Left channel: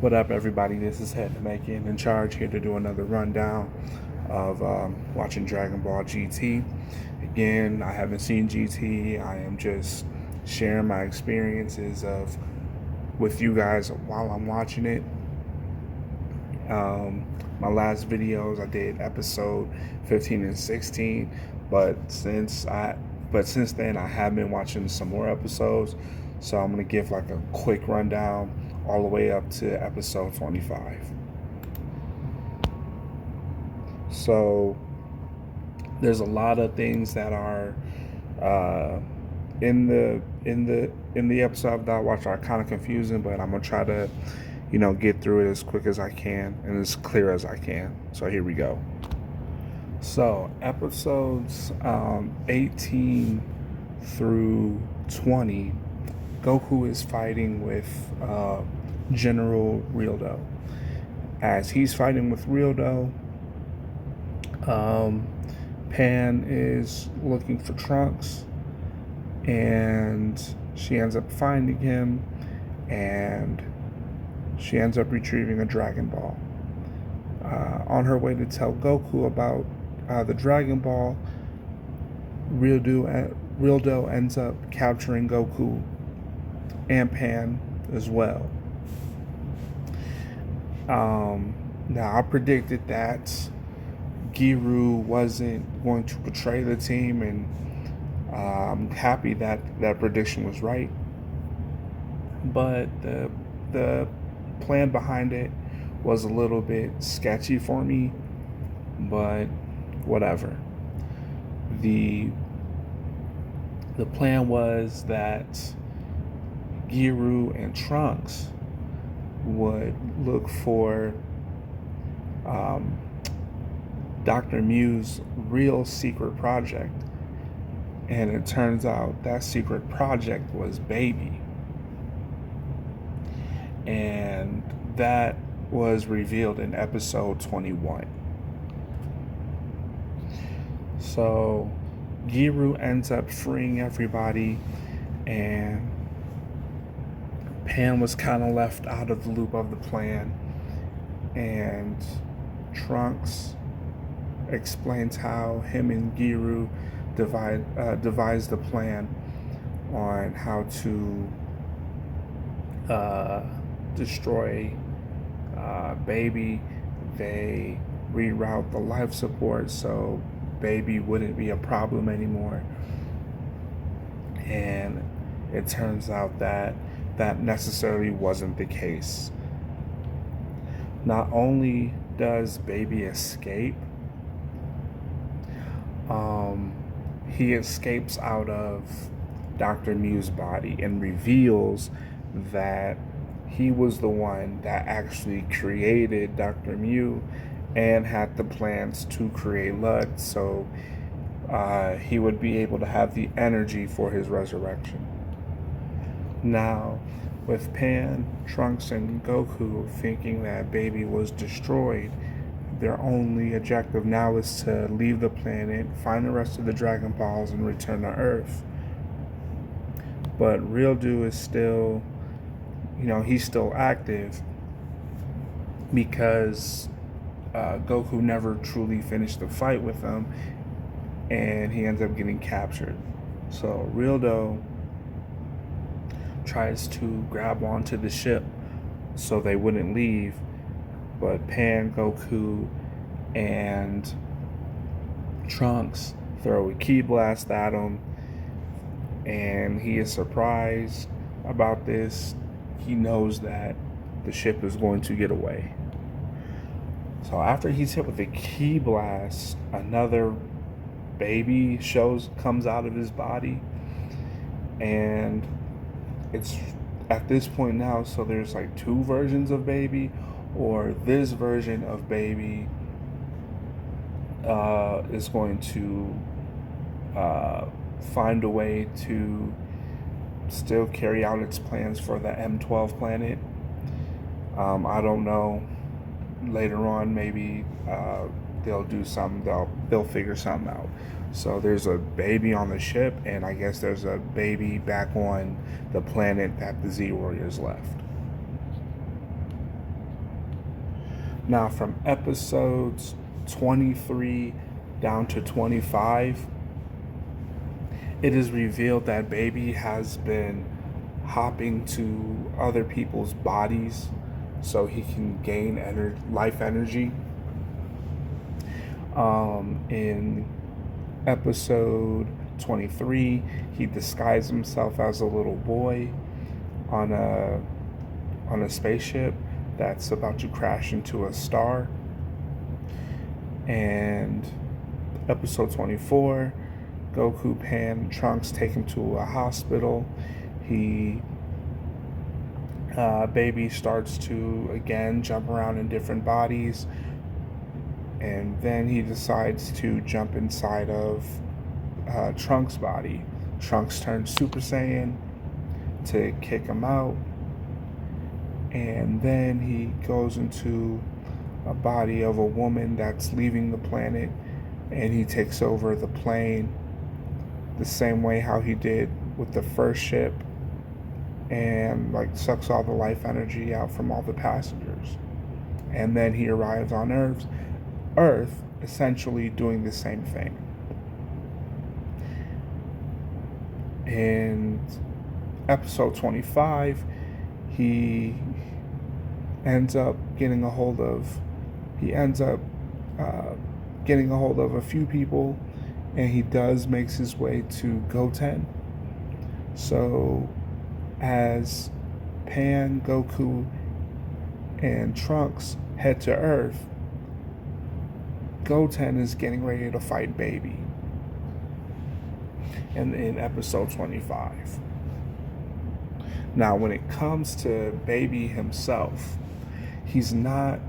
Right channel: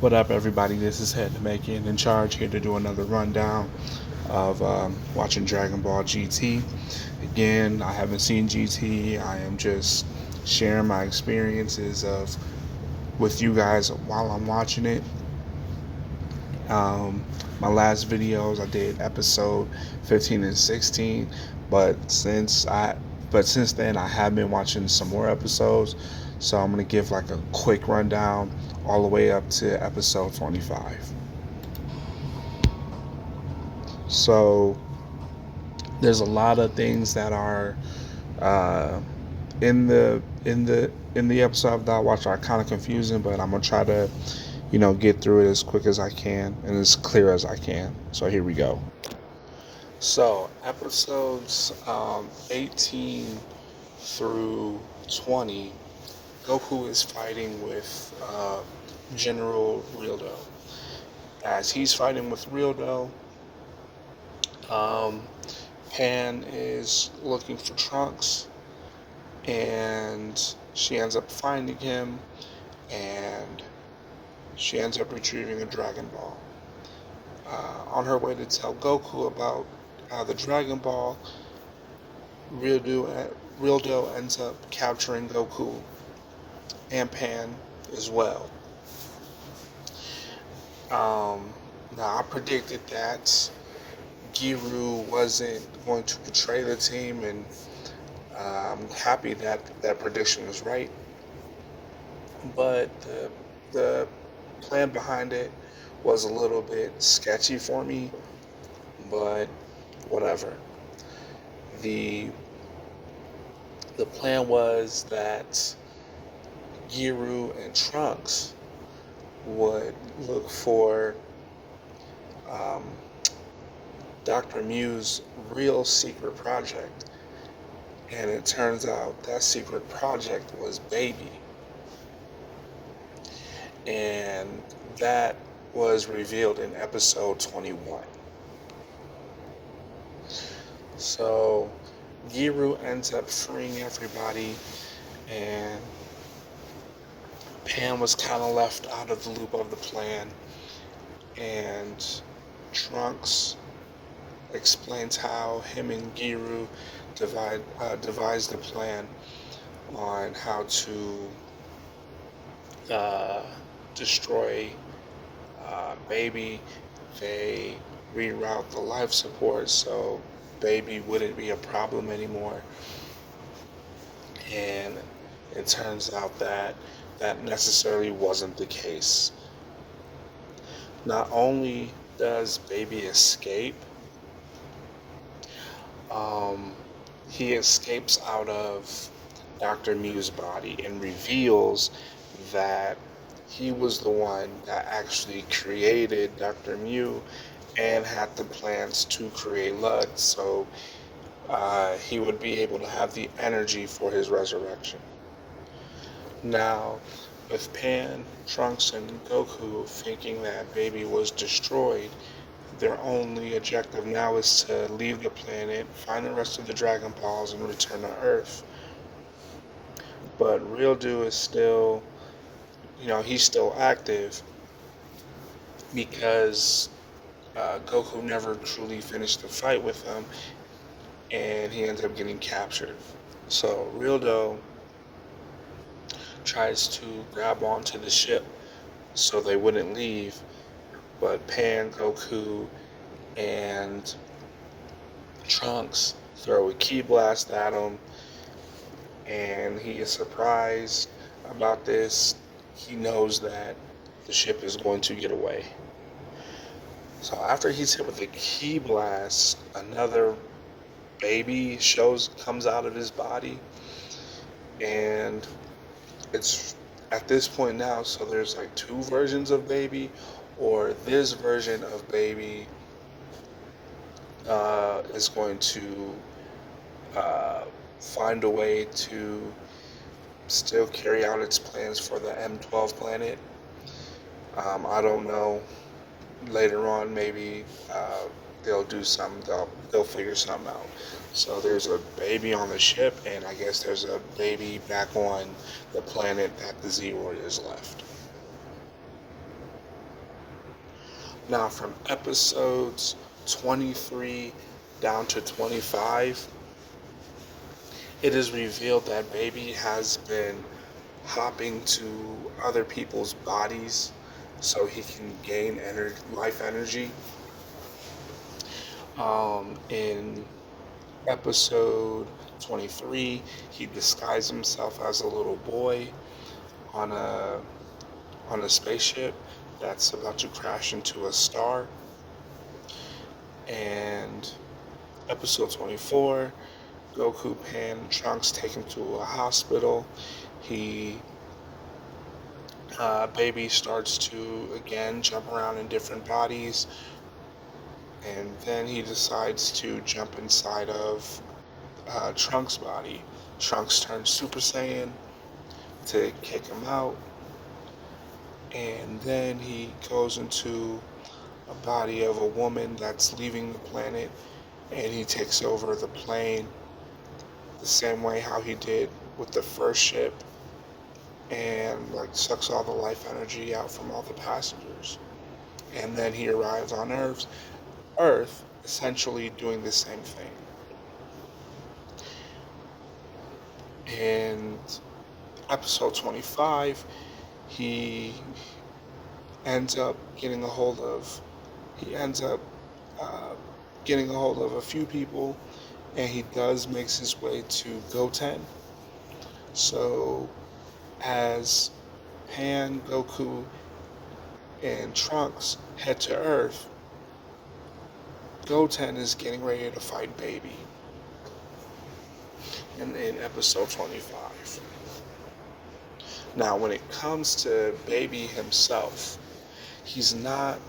What up, everybody? This is Head to Make It in Charge, here to do another rundown of watching Dragon Ball GT. Again, I haven't seen GT. I am just sharing my experiences of with you guys while I'm watching it. Um, my last videos, I did episode 15 and 16, but since then I have been watching some more episodes, so I'm gonna give like a quick rundown all the way up to episode 25. So there's a lot of things that are uh, in the episode that I watched are kind of confusing, but I'm gonna try to get through it as quick as I can and as clear as I can. So here we go. So episodes 18 through 20, Goku is fighting with General Rildo. As he's fighting with Rildo, um, Pan is looking for Trunks, and she ends up finding him, and she ends up retrieving a Dragon Ball. On her way to tell Goku about the Dragon Ball, Rildo ends up capturing Goku and Pan as well. Now, I predicted that Giru wasn't going to betray the team, and I'm happy that that prediction was right. But the plan behind it was a little bit sketchy for me, but whatever. The the plan was that Giru and Trunks would look for um, Dr. Mew's real secret project, and it turns out that secret project was Baby, and that was revealed in episode 21. So Giru ends up freeing everybody, and Pan was kind of left out of the loop of the plan, and Trunks explains how him and Giru devised the plan on how to destroy Baby. They reroute the life support so Baby wouldn't be a problem anymore. And it turns out that that necessarily wasn't the case. Not only does Baby escape, he escapes out of Dr. Mew's body and reveals that he was the one that actually created Dr. Mew and had the plans to create Lud, so he would be able to have the energy for his resurrection. Now, with Pan, Trunks, and Goku thinking that Baby was destroyed, their only objective now is to leave the planet, find the rest of the Dragon Balls, and return to Earth. But Rildo is still, he's still active because Goku never truly finished the fight with him, and he ends up getting captured. So Rildo tries to grab onto the ship so they wouldn't leave, but Pan, Goku, and Trunks throw a ki blast at him, and he is surprised about this. He knows that the ship is going to get away. So after he's hit with a ki blast, another Baby comes out of his body, and it's at this point now, so there's like two versions of Baby, or this version of Baby is going to find a way to still carry out its plans for the M12 planet. I don't know. Later on, maybe they'll do something. They'll figure something out. So there's a Baby on the ship, and I guess there's a Baby back on the planet that the Z Warriors left. Now, from episodes 23 down to 25, it is revealed that Baby has been hopping to other people's bodies so he can gain life energy. In episode 23, he disguised himself as a little boy on a spaceship that's about to crash into a star. And episode 24, Goku, Pan, and Trunks take him to a hospital. Baby starts to again jump around in different bodies, and then he decides to jump inside of Trunks' body. Trunks turns Super Saiyan to kick him out, and then he goes into a body of a woman that's leaving the planet, and he takes over the plane the same way how he did with the first ship, and like sucks all the life energy out from all the passengers. And then he arrives on Earth essentially doing the same thing. In episode 25, he ends up getting a hold of a few people, and he makes his way to Goten. So as Pan, Goku, and Trunks head to Earth, Goten is getting ready to fight Baby in episode 25. Now, when it comes to Baby himself, he's not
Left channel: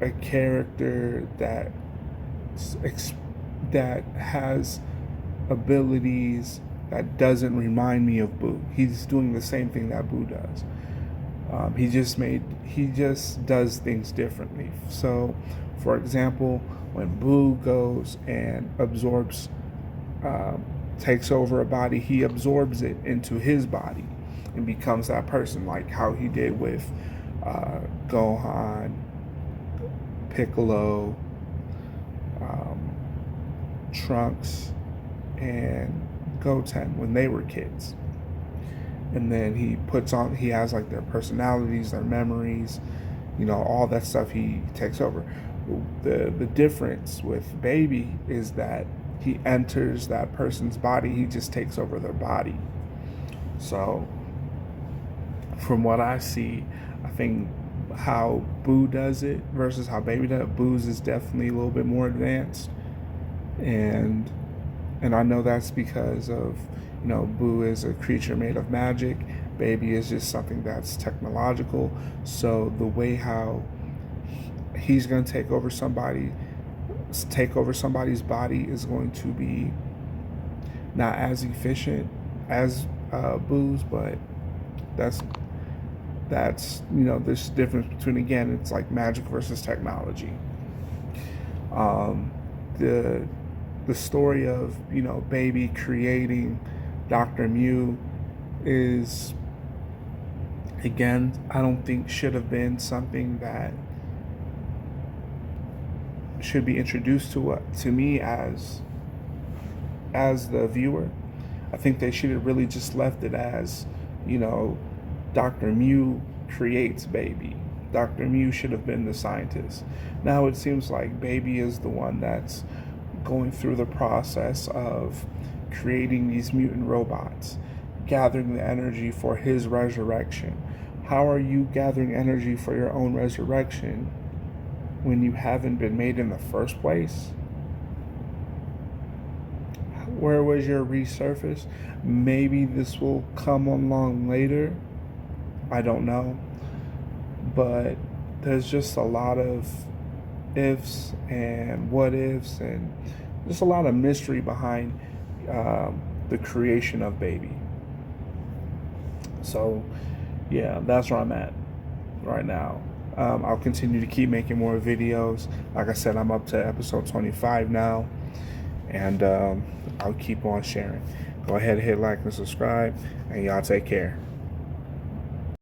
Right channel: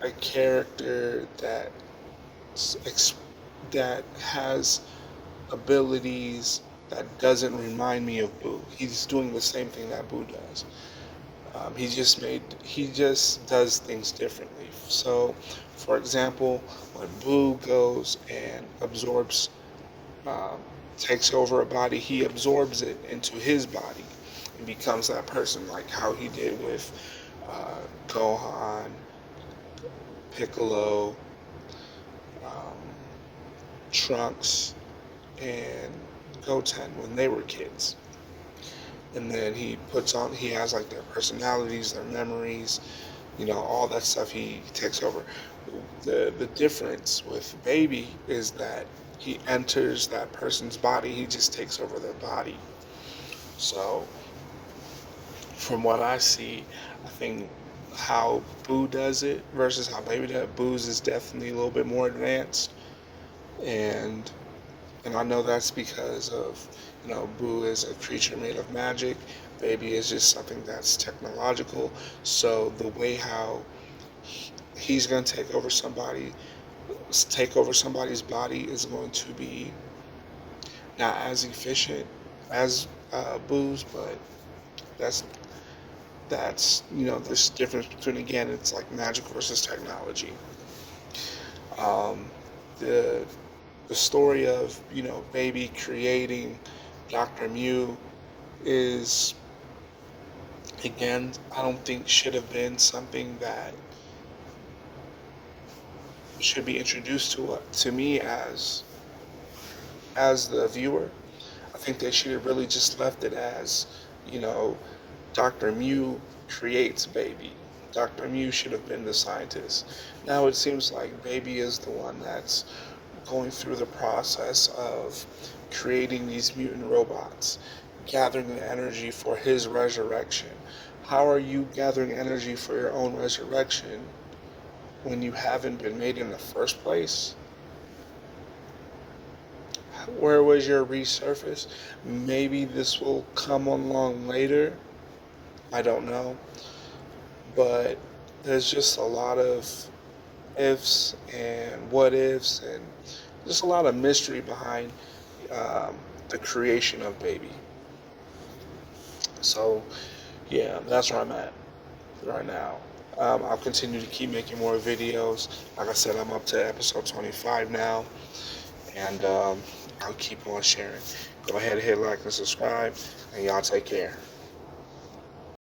a character that has abilities that doesn't remind me of Boo. He's doing the same thing that Boo does. He just does things differently. So, for example, when Boo goes and takes over a body, he absorbs it into his body and becomes that person, like how he did with Gohan, Piccolo, Trunks, and Goten when they were kids. And then he has like their personalities, their memories, all that stuff he takes over. The difference with Baby is that he enters that person's body, he just takes over their body. So from what I see, I think how Boo does it versus how Baby does it, Boo's is definitely a little bit more advanced. And I know that's because of, Boo is a creature made of magic. Baby is just something that's technological. So the way how he's going to take over somebody's body is going to be not as efficient as Boo's, but that's this difference between, again, it's like magic versus technology. The story of Baby creating Dr. Mew is, again, I don't think should have been something that should be introduced to me as the viewer. I think they should have really just left it as, Dr. Mew creates Baby. Dr. Mew should have been the scientist. Now it seems like Baby is the one that's going through the process of creating these mutant robots, gathering the energy for his resurrection. How are you gathering energy for your own resurrection when you haven't been made in the first place? Where was your resurface? Maybe this will come along later. I don't know. But there's just a lot of ifs and what ifs, and just a lot of mystery behind the creation of Baby. So, yeah, that's where I'm at right now. I'll continue to keep making more videos. Like I said, I'm up to episode 25 now, and I'll keep on sharing. Go ahead, hit like and subscribe, and y'all take care.